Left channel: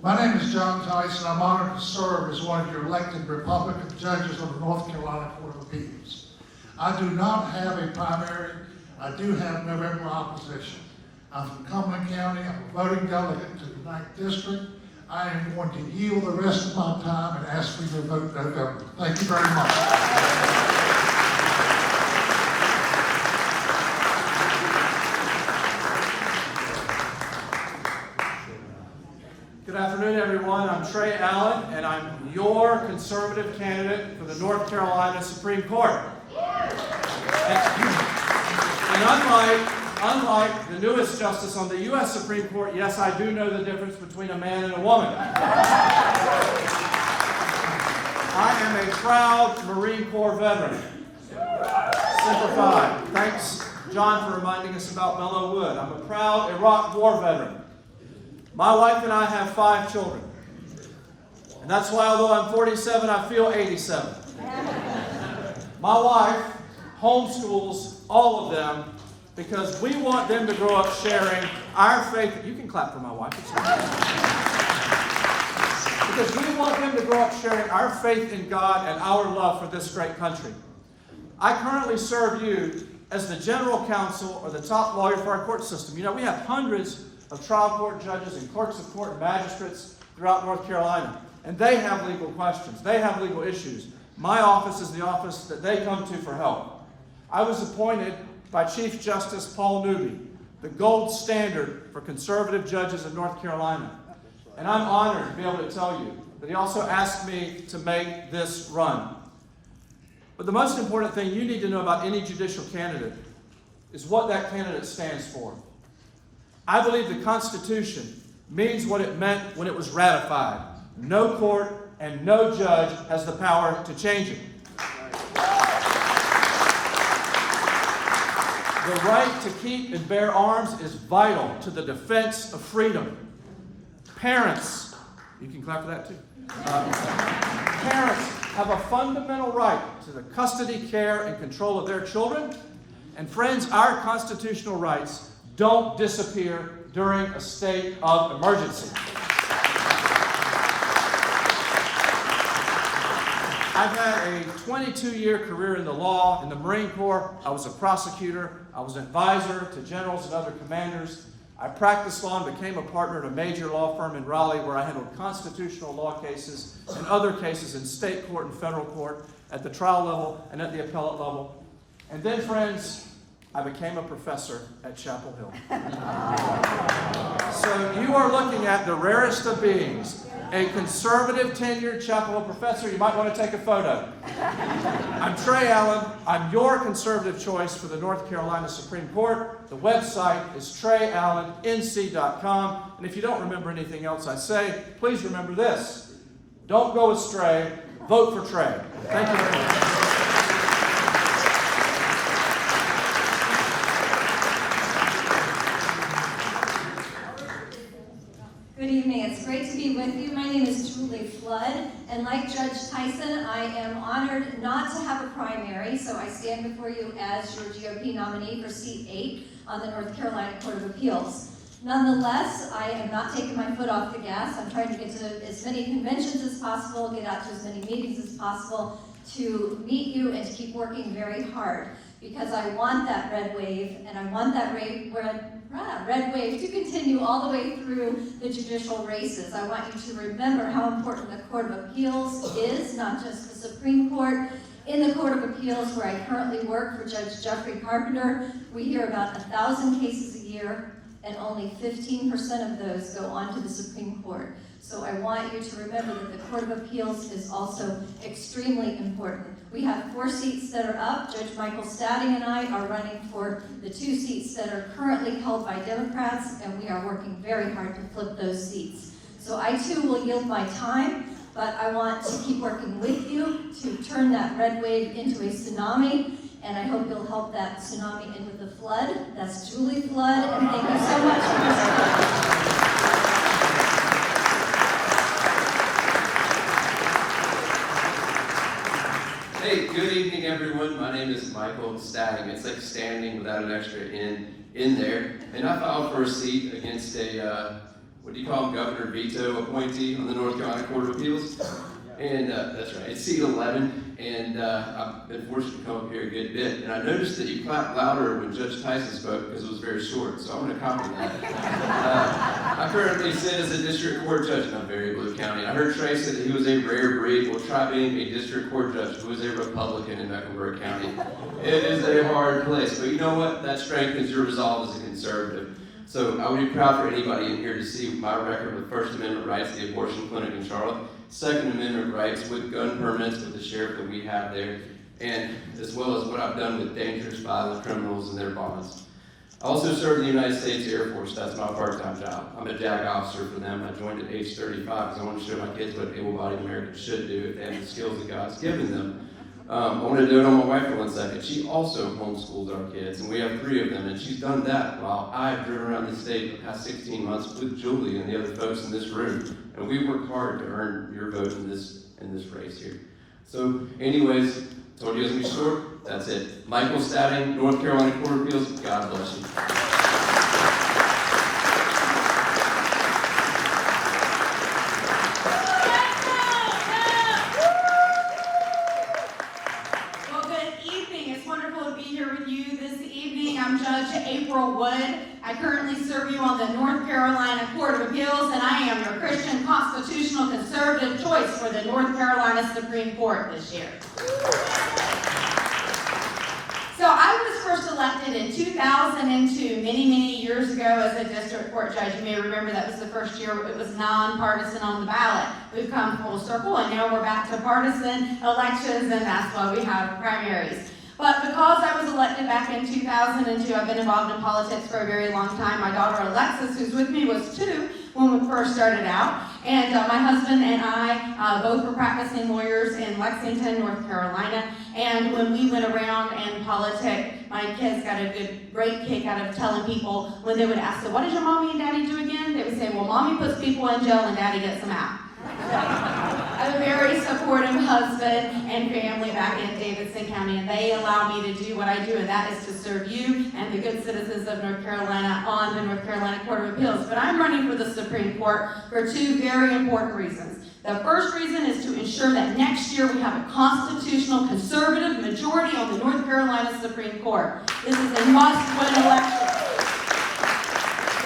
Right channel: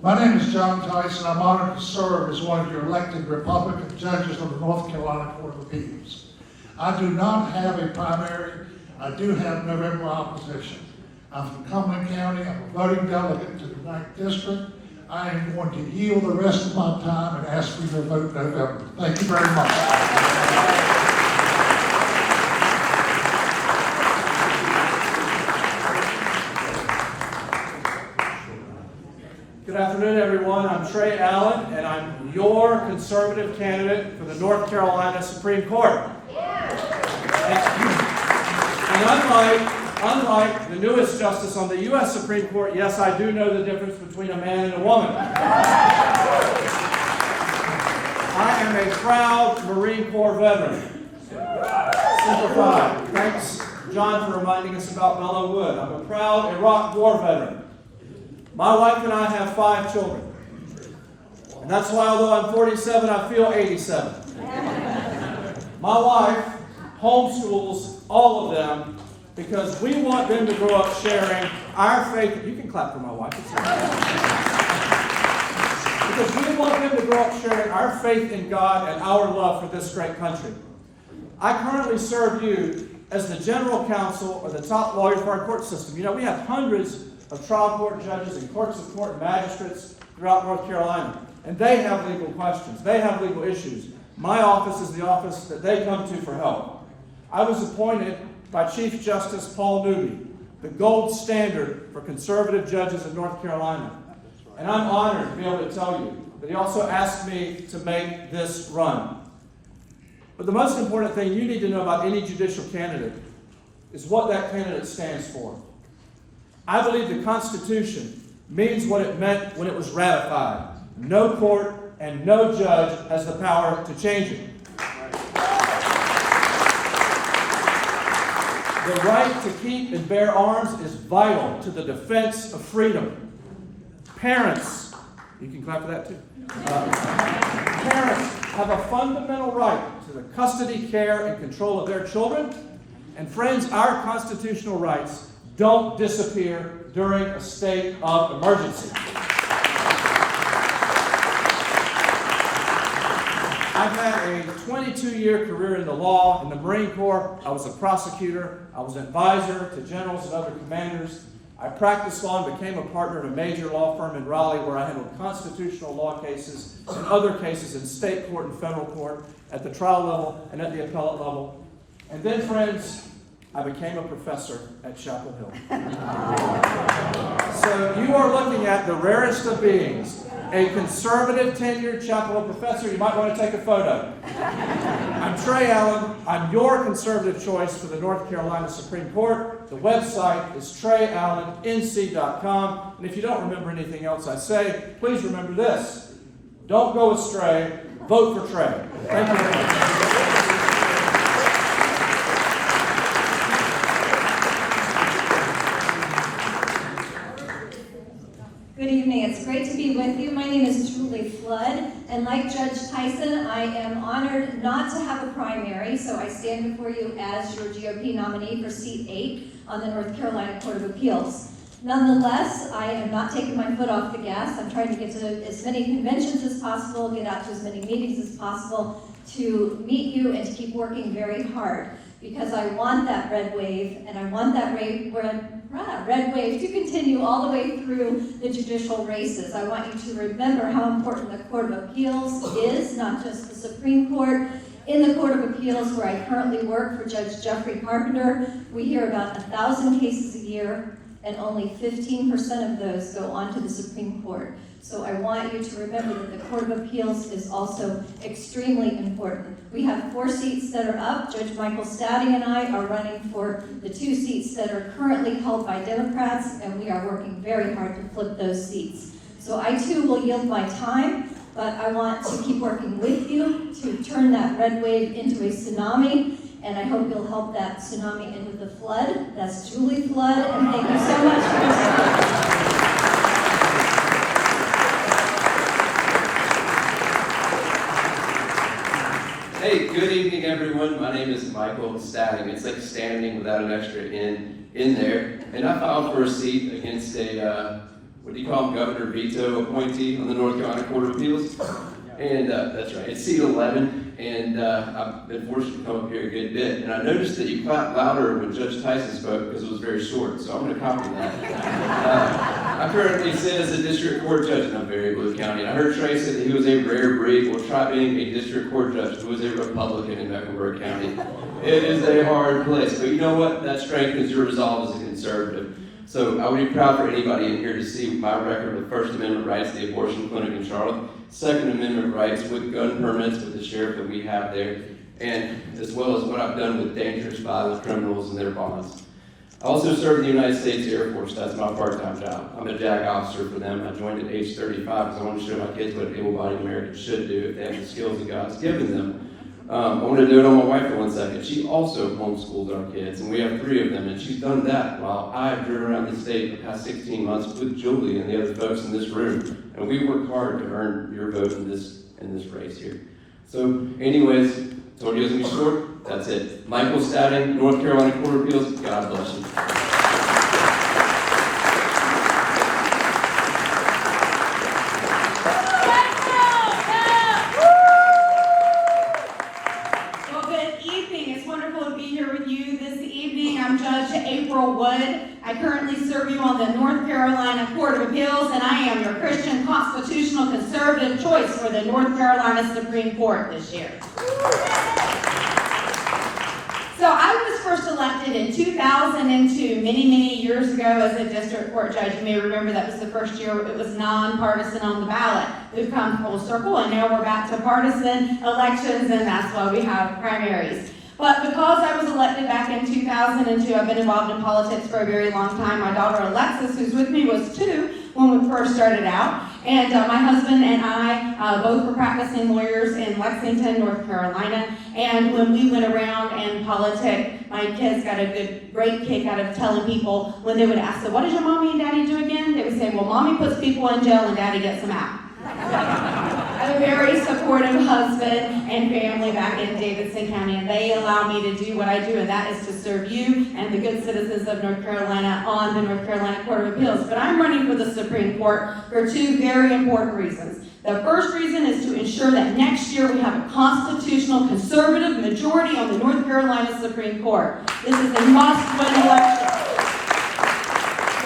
My name is John Tyson. I'm honored to serve as one of your elected Republican judges of the North Carolina Court of Appeals. I do not have a primary. I do have November opposition. I'm from Cumberland County. I'm a voting delegate to the 9th District. I am going to yield the rest of my time and ask for your vote in November. Thank you very much. Good afternoon, everyone. I'm Trey Allen, and I'm your conservative candidate for the North Carolina Supreme Court. And unlike the newest justice on the U.S. Supreme Court, yes, I do know the difference between a man and a woman. I am a proud Marine Corps veteran. Simplified. Thanks, John, for reminding us about Mellow Wood. I'm a proud Iraq War veteran. My wife and I have 5 children. And that's why, although I'm 47, I feel 87. My wife homeschools all of them because we want them to grow up sharing our faith. You can clap for my wife. It's because we want them to grow up sharing our faith in God and our love for this great country. I currently serve you as the general counsel or the top lawyer for our court system. You know, we have hundreds of trial court judges and courts of court and magistrates throughout North Carolina. And they have legal questions. They have legal issues. My office is the office that they come to for help. I was appointed by Chief Justice Paul Newby, the gold standard for conservative judges in North Carolina. And I'm honored to be able to tell you that he also asked me to make this run. But the most important thing you need to know about any judicial candidate is what that candidate stands for. I believe the Constitution means what it meant when it was ratified. No court and no judge has the power to change it. The right to keep and bear arms is vital to the defense of freedom. Parents, you can clap for that too. Parents have a fundamental right to the custody, care, and control of their children. And friends, our constitutional rights don't disappear during a state of emergency. I've had a 22-year career in the law. In the Marine Corps, I was a prosecutor. I was an advisor to generals and other commanders. I practiced law and became a partner at a major law firm in Raleigh where I handled constitutional law cases and other cases in state court and federal court at the trial level and at the appellate level. And then, friends, I became a professor at Chapel Hill. So you are looking at the rarest of beings, a conservative tenured Chapel Hill professor. You might want to take a photo. I'm Trey Allen. I'm your conservative choice for the North Carolina Supreme Court. The website is treyallennc.com. And if you don't remember anything else I say, please remember this. Don't go astray. Vote for Trey. Thank you very much. Good evening. It's great to be with you. My name is Julie Flood, and like Judge Tyson, I am honored not to have a primary, so I stand before you as your GOP nominee for Seat 8 on the North Carolina Court of Appeals. Nonetheless, I am not taking my foot off the gas. I'm trying to get to as many conventions as possible, get out to as many meetings as possible to meet you and to keep working very hard, because I want that red wave, and I want that red wave to continue all the way through the judicial races. I want you to remember how important the Court of Appeals is, not just the Supreme Court. In the Court of Appeals, where I currently work for Judge Jeffrey Carpenter, we hear about 1,000 cases a year, and only 15% of those go on to the Supreme Court. So I want you to remember that the Court of Appeals is also extremely important. We have 4 seats that are up. Judge Michael Stadding and I are running for the 2 seats that are currently held by Democrats, and we are working very hard to flip those seats. So I too will yield my time, but I want to keep working with you to turn that red wave into a tsunami, and I hope you'll help that tsunami into the flood. That's Julie Flood, and thank you so much for your support. Hey, good evening, everyone. My name is Michael Stadding. It's like standing without an extra in there. And I filed for a seat against a what do you call him, Governor Veto appointee on the North Carolina Court of Appeals. And that's right, it's seat 11, and I've been fortunate to come up here a good bit. And I noticed that you clapped louder when Judge Tyson spoke because it was very short, so I'm going to copy that. I currently sit as a district court judge in Berry Blue County, and I heard Trey say that he was a rare breed. Well, try being a district court judge who was a Republican in Mecklenburg County. It is a hard place, but you know what? That strengthens your resolve as a conservative. So I would be proud for anybody in here to see my record with First Amendment rights, the abortion clinic in Charlotte, Second Amendment rights with gun permits with the sheriff that we have there, and as well as what I've done with dangerous violent criminals and their bonds. I also serve in the United States Air Force. That's my part-time job. I'm a JAG officer for them. I joined at age 35 because I want to show my kids what able-bodied Americans should do if they have the skills that God's given them. I want to do it on my wife for 1 second. She also homeschools our kids, and we have 3 of them, and she's done that while I have driven around the state the past 16 months with Julie and the other folks in this room, and we work hard to earn your vote in this race here. So anyways, told you it was going to be short. That's it. Michael Stadding, North Carolina Court of Appeals. God bless you. I'm Judge April Wood. I currently serve you on the North Carolina Court of Appeals, and I am your Christian constitutional conservative choice for the North Carolina Supreme Court this year. So I was first elected in 2002, many years ago, as a district court judge. You may remember that was the first year it was nonpartisan on the ballot. We've come full circle, and now we're back to partisan elections, and that's why we have primaries. But because I was elected back in 2002, I've been involved in politics for a very long time. My daughter Alexis, who's with me, was 2 when we first started out. And my husband and I both were practicing lawyers in Lexington, North Carolina. And when we went around and politic, my kids got a great kick out of telling people when they would ask, so what does your mommy and daddy do again? They would say, well, mommy puts people in jail and daddy gets them out. I'm a very supportive husband and family back in Davidson County, and they allow me to do what I do, and that is to serve you and the good citizens of North Carolina on the North Carolina Court of Appeals. But I'm running for the Supreme Court for 2 very important reasons. The first reason is to ensure that next year we have a constitutional conservative majority on the North Carolina Supreme Court. This is a must-win election.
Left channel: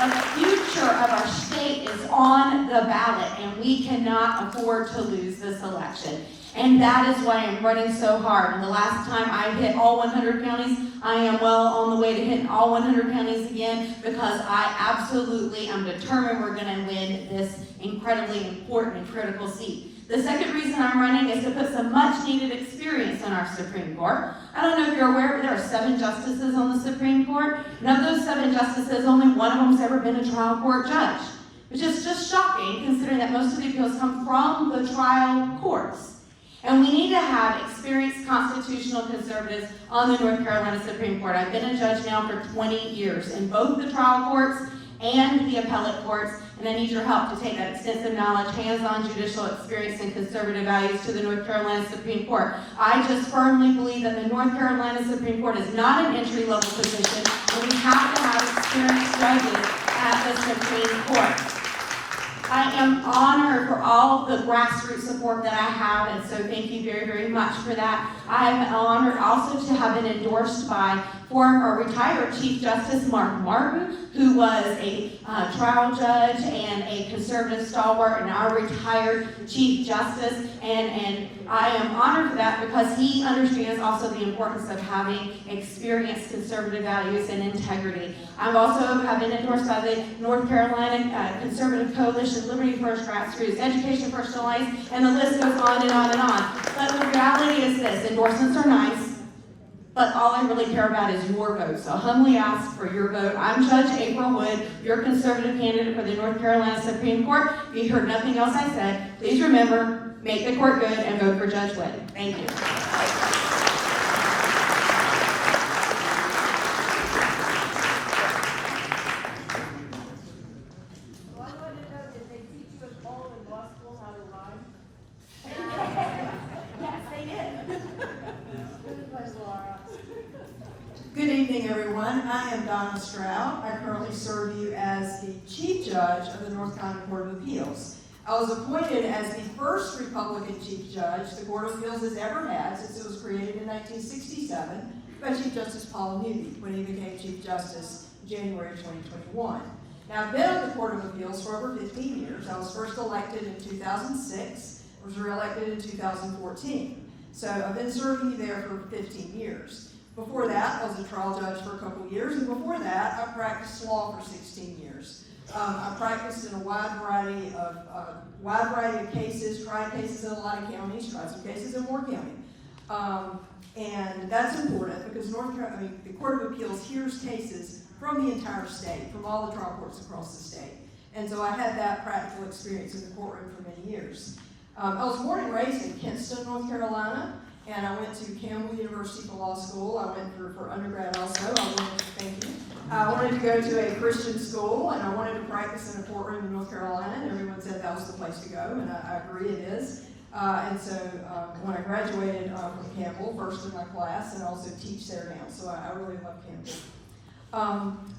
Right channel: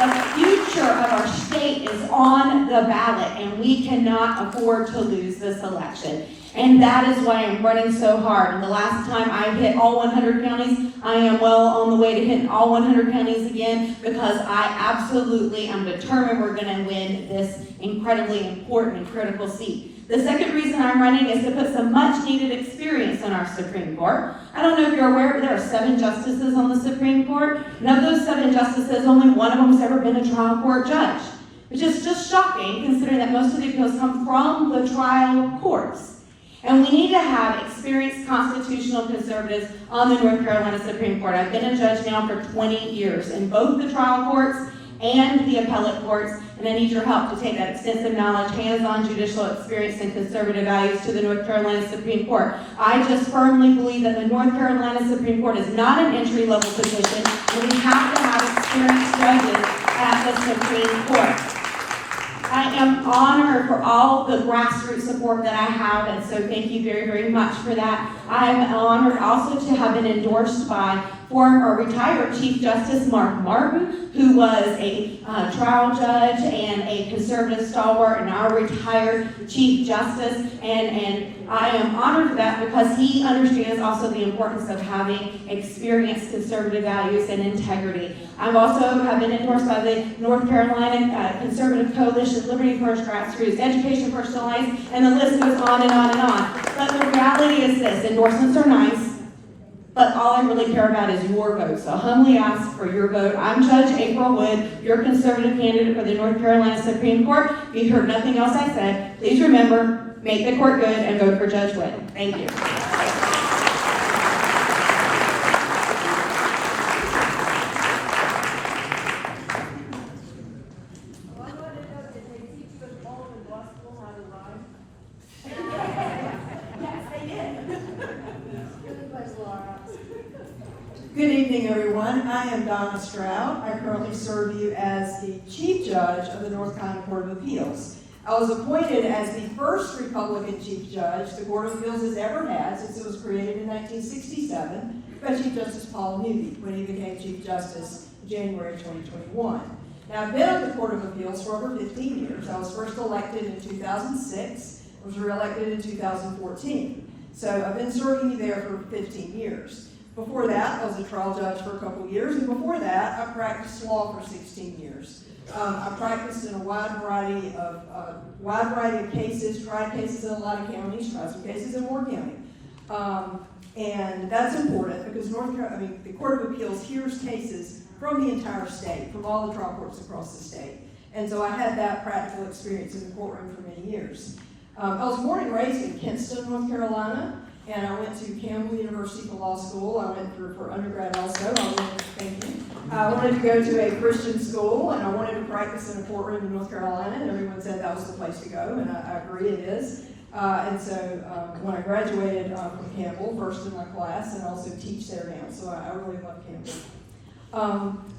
The future of our state is on the ballot, and we cannot afford to lose this election. And that is why I'm running so hard. And the last time I hit all 100 counties, I am well on the way to hitting all 100 counties again, because I absolutely am determined we're going to win this incredibly important and critical seat. The second reason I'm running is to put some much needed experience on our Supreme Court. I don't know if you're aware, but there are 7 justices on the Supreme Court. And of those 7 justices, only one of them has ever been a trial court judge, which is just shocking considering that most of the appeals come from the trial courts. And we need to have experienced constitutional conservatives on the North Carolina Supreme Court. I've been a judge now for 20 years in both the trial courts and the appellate courts, and I need your help to take that extensive knowledge, hands-on judicial experience, and conservative values to the North Carolina Supreme Court. I just firmly believe that the North Carolina Supreme Court is not an entry-level position, and we have to have experienced judges at the Supreme Court. I am honored for all the grassroots support that I have, and so thank you very much for that. I'm honored also to have been endorsed by former retired Chief Justice Mark Martin, who was a trial judge and a conservative stalwart, and our retired Chief Justice, and I am honored for that because he understands also the importance of having experienced conservative values and integrity. I've also been endorsed by the North Carolina Conservative Coalition, Liberty First, Grassroots, Education First Alliance, and the list goes on and on and on. But the reality is this: endorsements are nice, but all I really care about is your vote. So humbly ask for your vote. I'm Judge April Wood, your conservative candidate for the North Carolina Supreme Court. If you heard nothing else I said, please remember, make the court good and vote for Judge Wood. Thank you. Good evening. evening, everyone. I am Donna Stroud. I currently serve you as the Chief Judge of the North Carolina Court of Appeals. I was appointed as the first Republican Chief Judge the Court of Appeals has ever had since it was created in 1967 by Chief Justice Paul Newby when he became Chief Justice in January 2021. Now, I've been on the Court of Appeals for over 15 years. I was first elected in 2006, was reelected in 2014. So I've been serving you there for 15 years. Before that, I was a trial judge for a couple of years, and before that, I practiced law for 16 years. I practiced in a wide variety of cases, tried cases in a lot of counties, tried some cases in Moore County. And that's important because the Court of Appeals hears cases from the entire state, from all the trial courts across the state. And so I had that practical experience in the courtroom for many years. I was born and raised in Kinston, North Carolina, and I went to Campbell University for law school. I went through for undergrad also. I wanted to go to a Christian school, and I wanted to practice in a courtroom in North Carolina, and everyone said that was the place to go, and I agree it is. And so when I graduated from Campbell, first in my class, and I also teach there now, so I really love Campbell.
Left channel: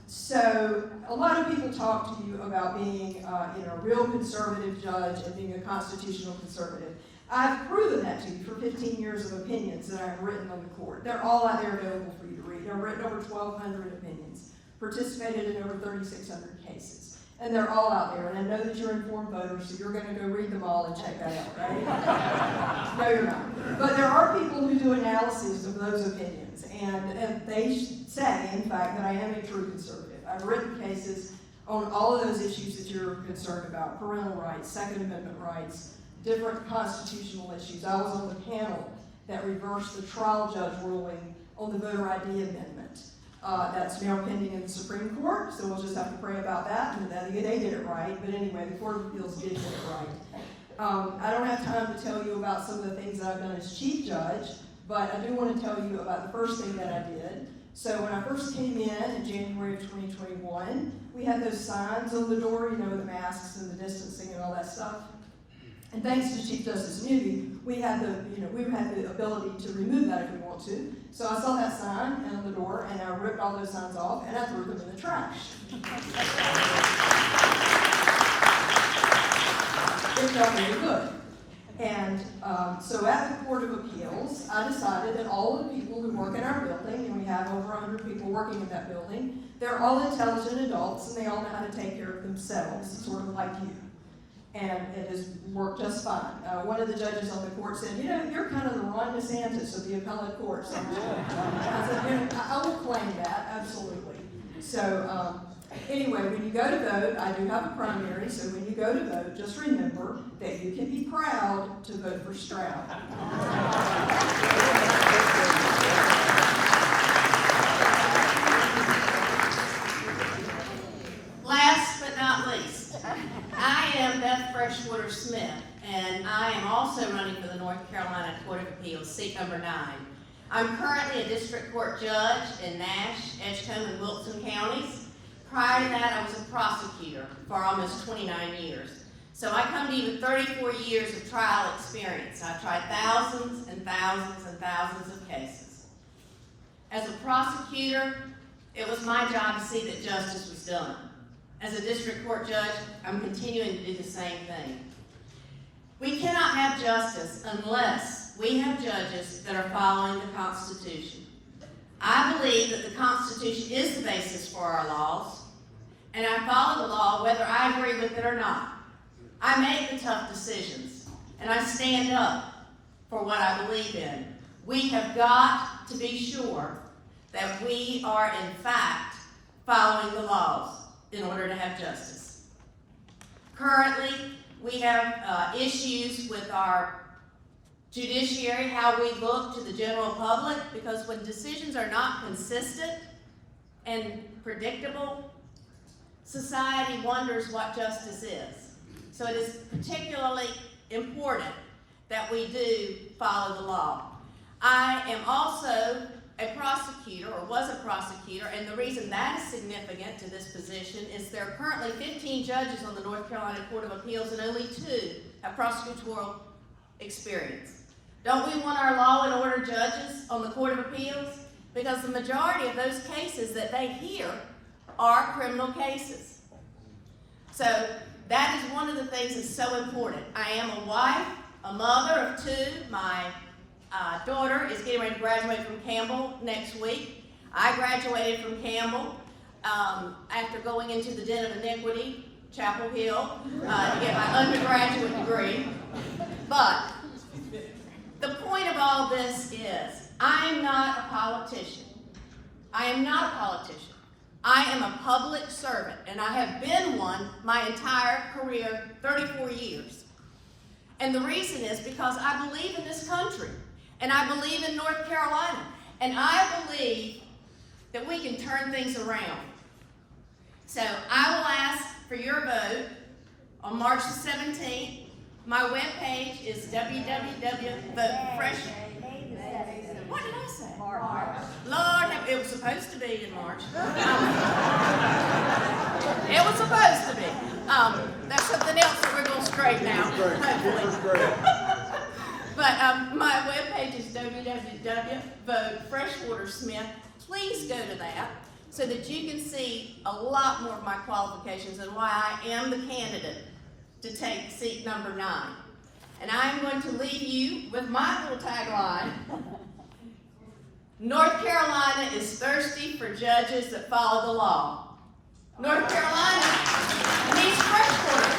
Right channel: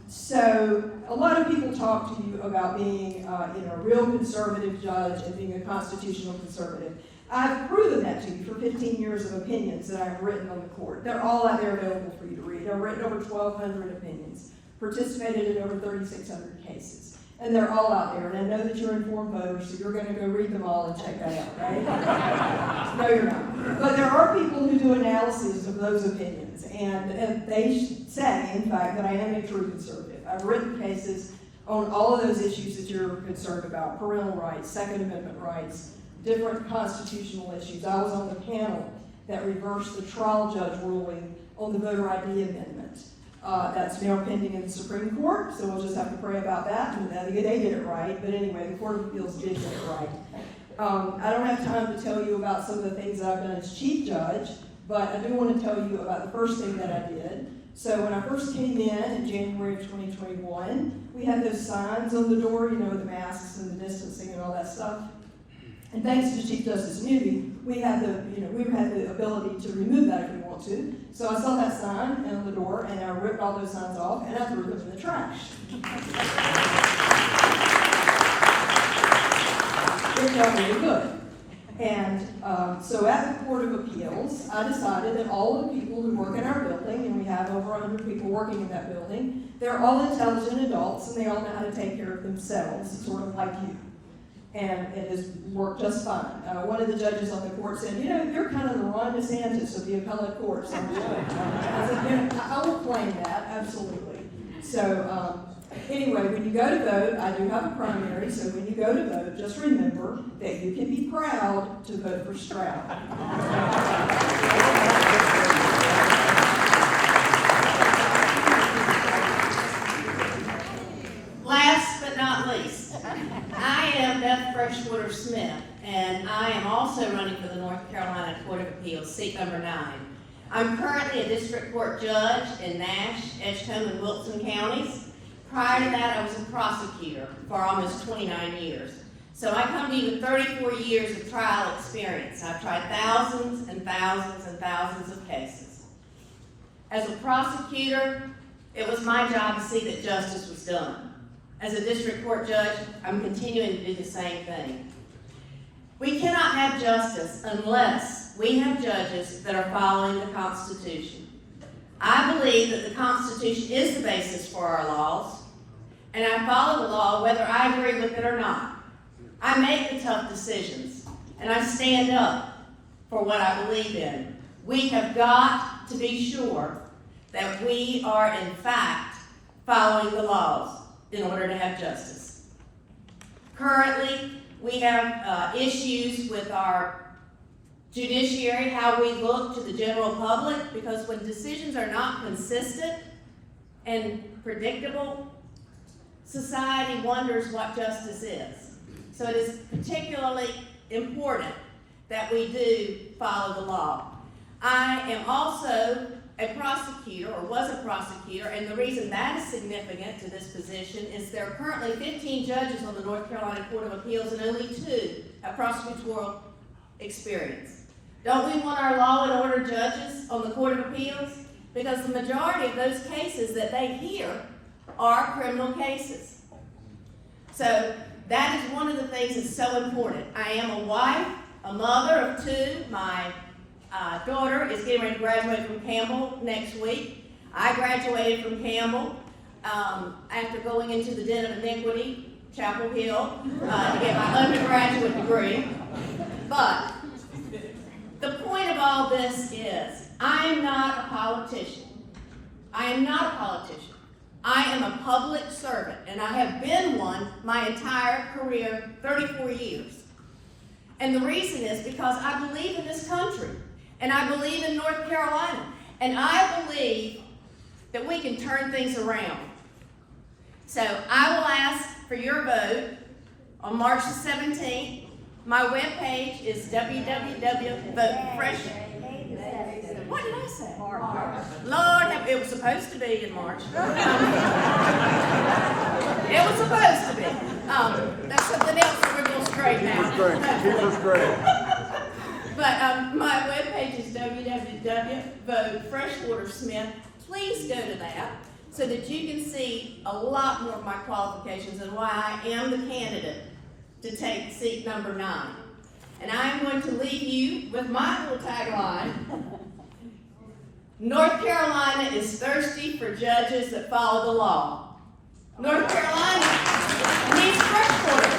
So a lot of people talk to you about being a real conservative judge and being a constitutional conservative. I've proven that to you for 15 years of opinions that I've written on the court. They're all out there available for you to read. I've written over 1,200 opinions, participated in over 3,600 cases, and they're all out there. And I know that you're informed voters, so you're going to go read them all and check that out, right? No, you're not. But there are people who do analyses of those opinions, and they say, in fact, that I am a true conservative. I've written cases on all of those issues that you're concerned about: parental rights, Second Amendment rights, different constitutional issues. I was on the panel that reversed the trial judge ruling on the voter ID amendment. That's now pending in the Supreme Court, so we'll just have to pray about that. And they did it right, but anyway, the Court of Appeals did get it right. I don't have time to tell you about some of the things that I've done as Chief Judge, but I do want to tell you about the first thing that I did. So when I first came in January of 2021, we had those signs on the door, with the masks and the distancing and all that stuff. And thanks to Chief Justice Newby, we had the ability to remove that if we want to. So I saw that sign on the door, and I ripped all those signs off, and I threw them in the trash. It felt really good. And so at the Court of Appeals, I decided that all of the people who work in our building, and we have over 100 people working in that building, they're all intelligent adults, and they all know how to take care of themselves, sort of like you. And it has worked just fine. One of the judges on the court said, you're kind of the Ron DeSantis of the appellate courts, aren't you? I said, I will claim that, absolutely. So anyway, when you go to vote, I do have a primary, so when you go to vote, just remember that you can be proud to vote for Stroud. Last but not least, I am Beth Freshwater Smith, and I am also running for the North Carolina Court of Appeals, seat number 9. I'm currently a district court judge in Nash, Edgecombe, and Wilson counties. Prior to that, I was a prosecutor for almost 29 years. So I come to you with 34 years of trial experience. I've tried thousands and thousands and thousands of cases. As a prosecutor, it was my job to see that justice was done. As a district court judge, I'm continuing to do the same thing. We cannot have justice unless we have judges that are following the Constitution. I believe that the Constitution is the basis for our laws, and I follow the law whether I agree with it or not. I make the tough decisions, and I stand up for what I believe in. We have got to be sure that we are, in fact, following the laws in order to have justice. Currently, we have issues with our judiciary, how we look to the general public, because when decisions are not consistent and predictable, society wonders what justice is. So it is particularly important that we do follow the law. I am also a prosecutor, or was a prosecutor, and the reason that is significant to this position is there are currently 15 judges on the North Carolina Court of Appeals and only 2 have prosecutorial experience. Don't we want our law and order judges on the Court of Appeals? because the majority of those cases that they hear are criminal cases. So that is one of the things that's so important. I am a wife, a mother of two. My daughter is getting ready to graduate from Campbell next week. I graduated from Campbell after going into the den of iniquity, Chapel Hill, to get my undergraduate degree. But the point of all this is, I am not a politician. I am not a politician. I am a public servant, and I have been one my entire career, 34 years. And the reason is because I believe in this country, and I believe in North Carolina, and I believe that we can turn things around. So I will ask for your vote on March the 17th. My webpage is www.votefresh. What did I say? Lord, it was supposed to be in March. It was supposed to be. That's something else that we're going to straighten out, hopefully. But my webpage is www.votefreshwatersmith. Please go to that so that you can see a lot more of my qualifications and why I am the candidate to take seat number 9. And I'm going to leave you with my little tagline. North Carolina is thirsty for judges that follow the law. North Carolina needs fresh water.